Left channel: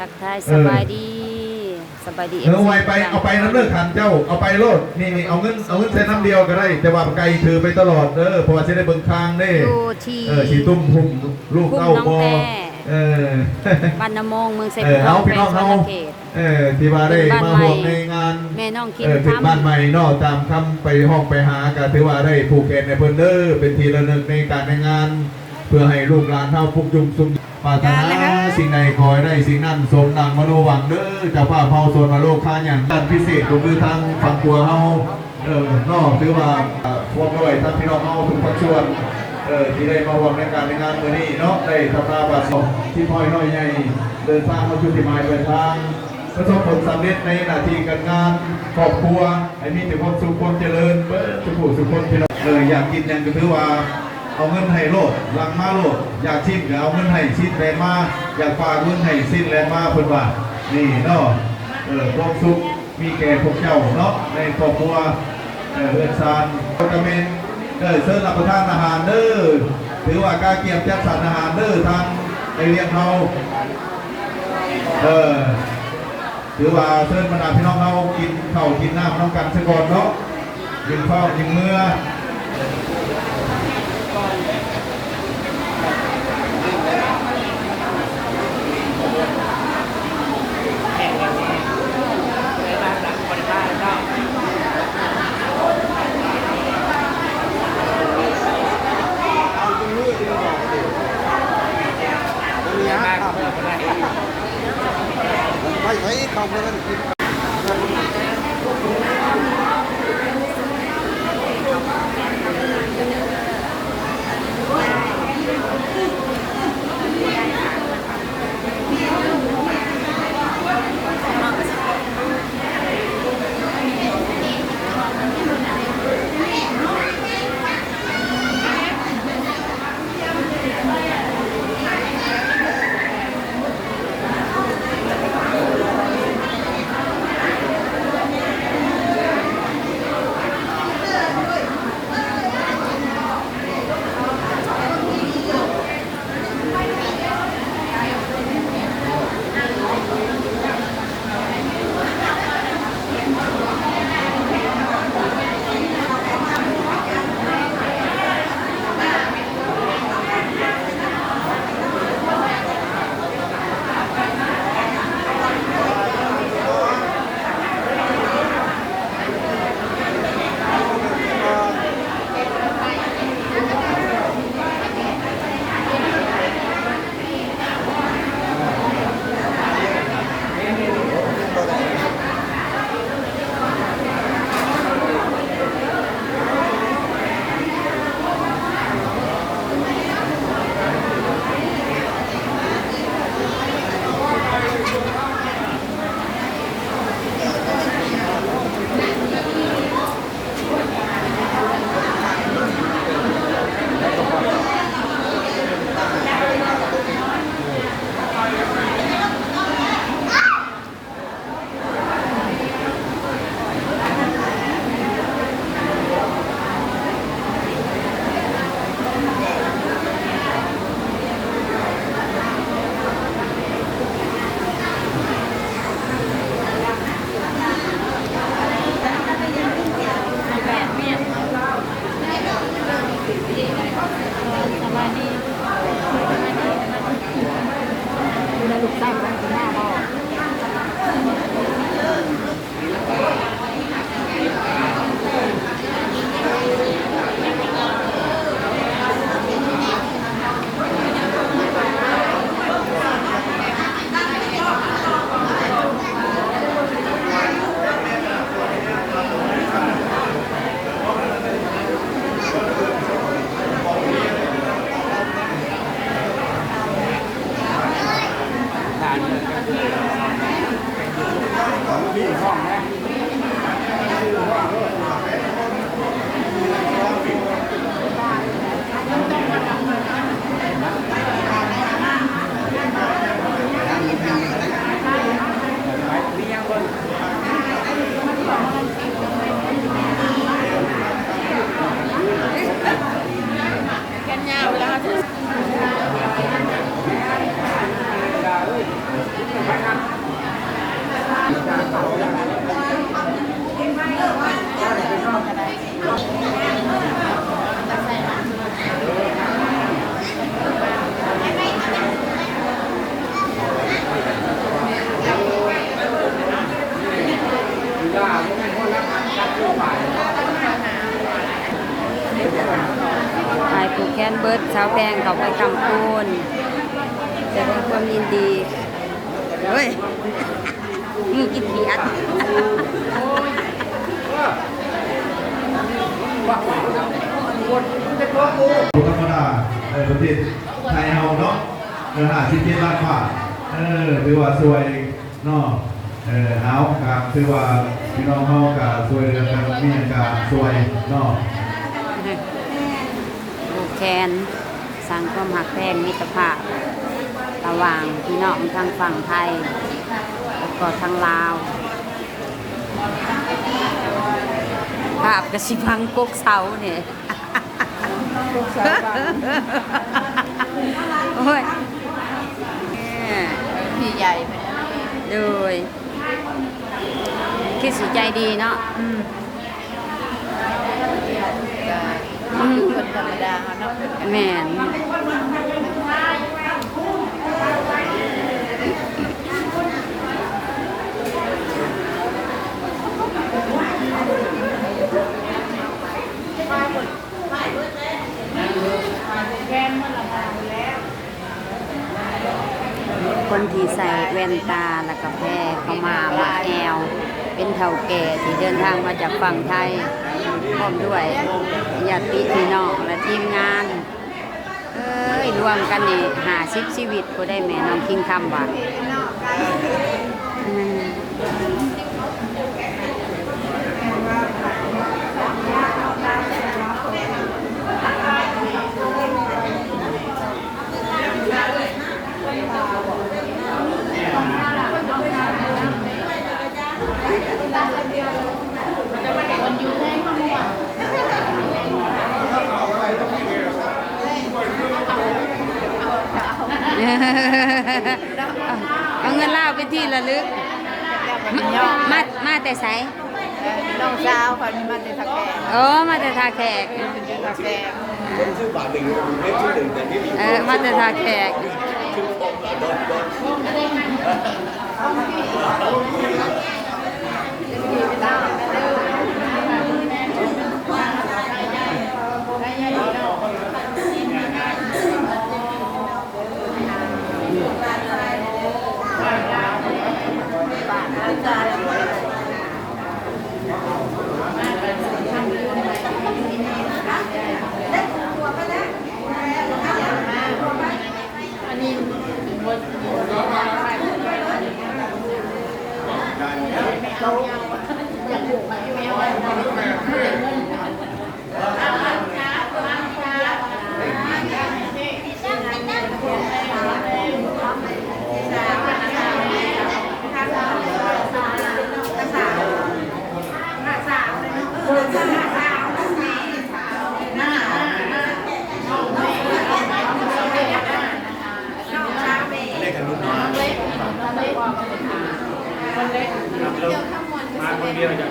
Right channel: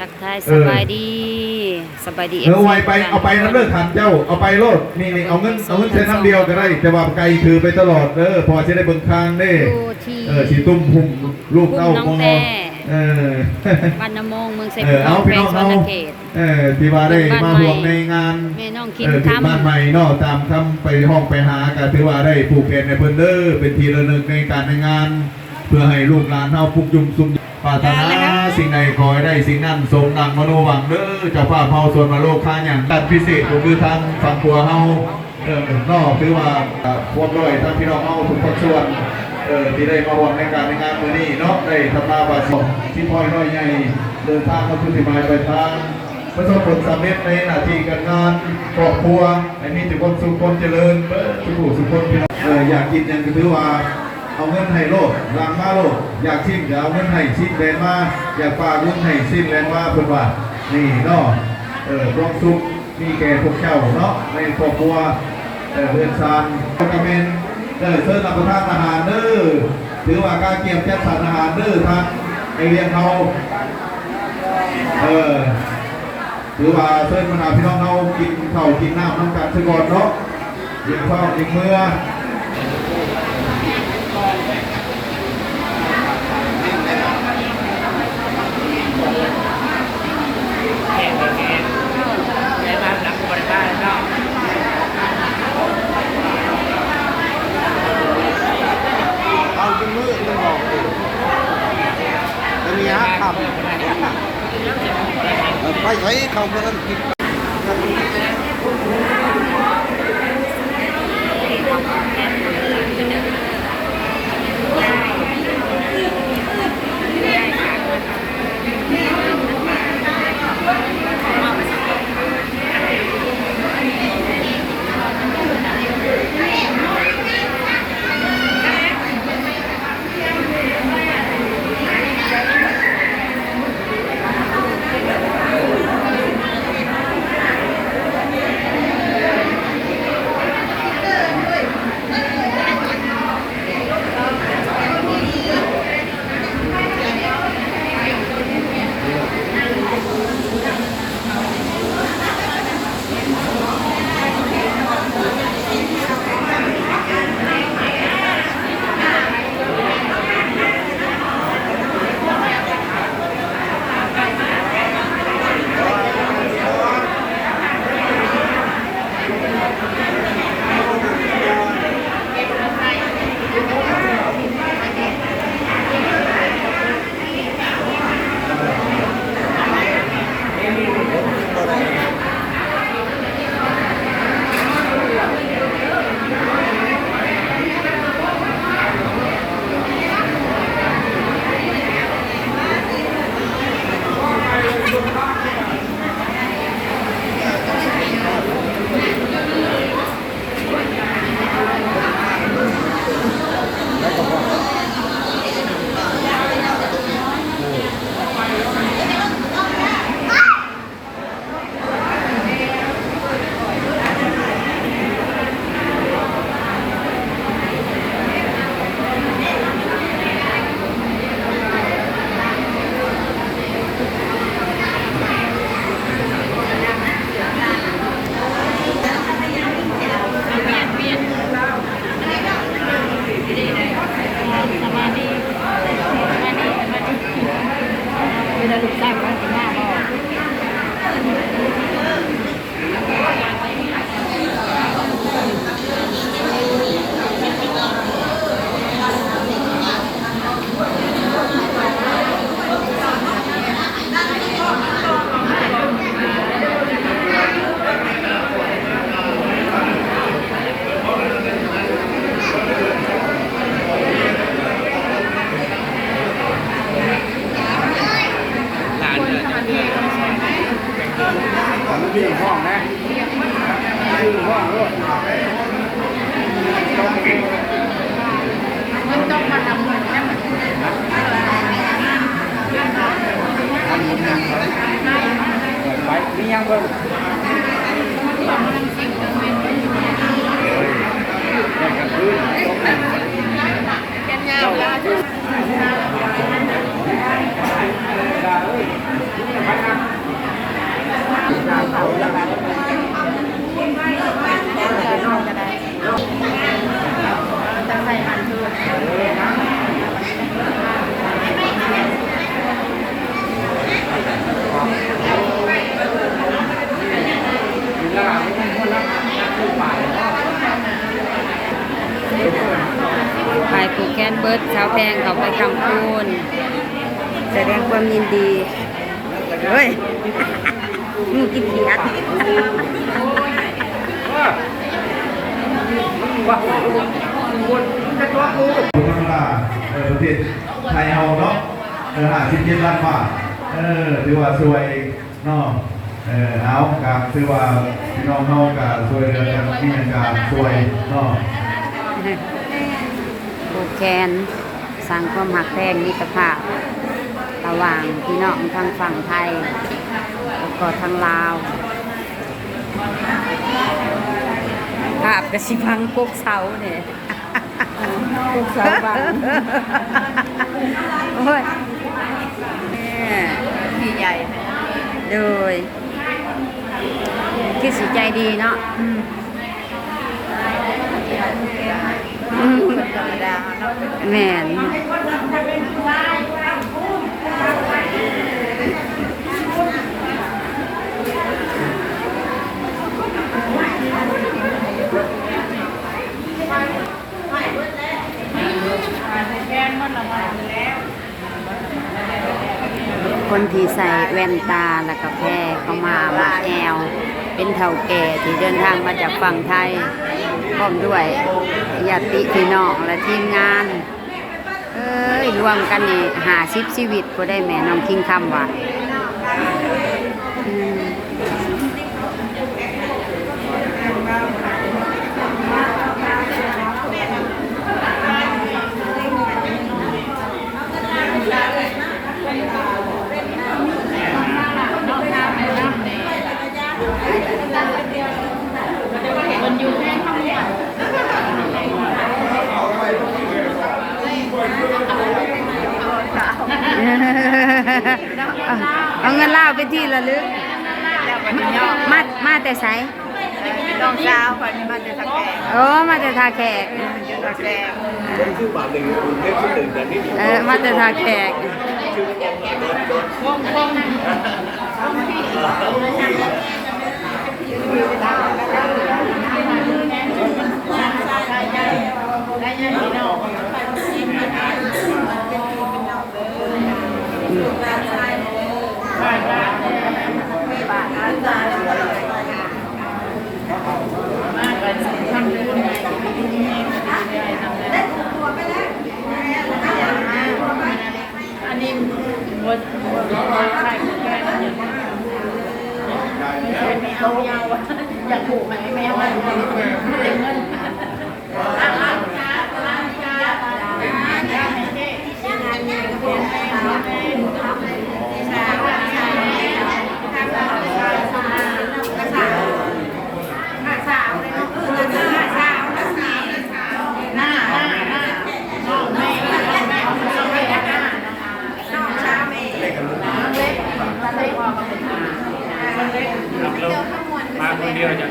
ทักทายสบายดีสบายดีเอาไปน้ำเลือดทันเจ้าเอาไปโลดนี่เอาเงินเส้นน้ำเดียวก็ได้แต่ว่าไก่ถือไปตลอดพอจะได้เบิ่งทางเด้สีตุ้มพุ่มลูกเต้าโมบ้านน้ำมงเมืองเซฟน้องแพงสวนเขตที่ว่าได้มาห่วงในงานแม่น้องคิดทำบ้านใหม่นอกตามคำไปห้องไปหาก็ถือว่าได้ผูกแขนในเพิ่นเป็นทีละหนึ่งในการในงานเพื่อให้ลูกหลานเท่าพุกยุมซุ่มปรารถนาสิ่งใดขอให้ได้สิ่งนั้นสมดังมโนหวังจะพาเผาส่วนมาโลกข้าอย่างด้านพิเศษก็คือทางฝั่งตัวเฮานอกคือว่าพวกด้วยท่านพี่น้องเฮาทุกภาคส่วนที่ได้มาร่วมในการในงานวันนี้เนาะได้ทำมาบาสิที่พลอยน้อยใหญ่เดินทางมาชุติมาไปทางประสบผลสำเร็จในหน้าที่การงานครอบครัวให้มีแต่ความสุขความเจริญสุขสุขคนพี่น้องอยากกินอย่างก็คือว่าเอาเงินให้โลดล้างมาโลดอยากชิ้นเอาเงินให้ชิ้นแรงมาอยากฝากเงินให้สิ้นแรงมาเพิ่นว่านี่เนาะความสุขมีแก่พวกเจ้าเนาะในครอบครัวเรือนซามโปรแกรมเซิร์ฟรับประทานอาหารถือว่าการเกี่ยมจัดสรรอาหารทางในเรียงเขาถือว่าเซิร์ฟบรรดาพี่น้องเขากินข้าวกินน้ำน้ำกันซะก่อนเนาะยิงข้าวยิงเมื่อไปใช้เขาเพื่อนกินลูกแซ่บมันกินหน้าบ่ าวแพงเขาไปคำคูณแสดงความยินดีเฮ้ยงูกินเขียด ธรรมดาประเทศไทยเฮาเนาะ57 ล้านบาทถือว่าสวยเนาะเอาครับถือว่าพี่น้องเฮาก็สวยเดือนแต่นี่ก็สวยเนาะ ผูกแขนสร้างความหักแพงมิตรภาพระหว่างพี่น้องทางฝั่งไทยแล้วก็ทางลาวภาพกระชิพังกกเสาเนี่ย โอ้ยที่ใหญ่โดยคิดสิใจดีเนาะแม่นคนที่ใส่แว่นตาแล้วก็แพรเข้ามาหมักแอลเป็นเฒ่าแก่ที่เดินทางมาจากฝั่งไทยพร้อมด้วยญาติพี่น้องและทีมงานรวมกันนี่50 ชีวิตก็ได้แม่น้องคิงคำว่าเอาเงินเล่าเป็นที่ระลึกมาแต่ไสน้องสาวคนนี้มาแต่ทาแขกมาแต่ทาแขกมาแต่ทาแขกอยากผูกให้แม่ว่าเงินมาคนเดียวจาก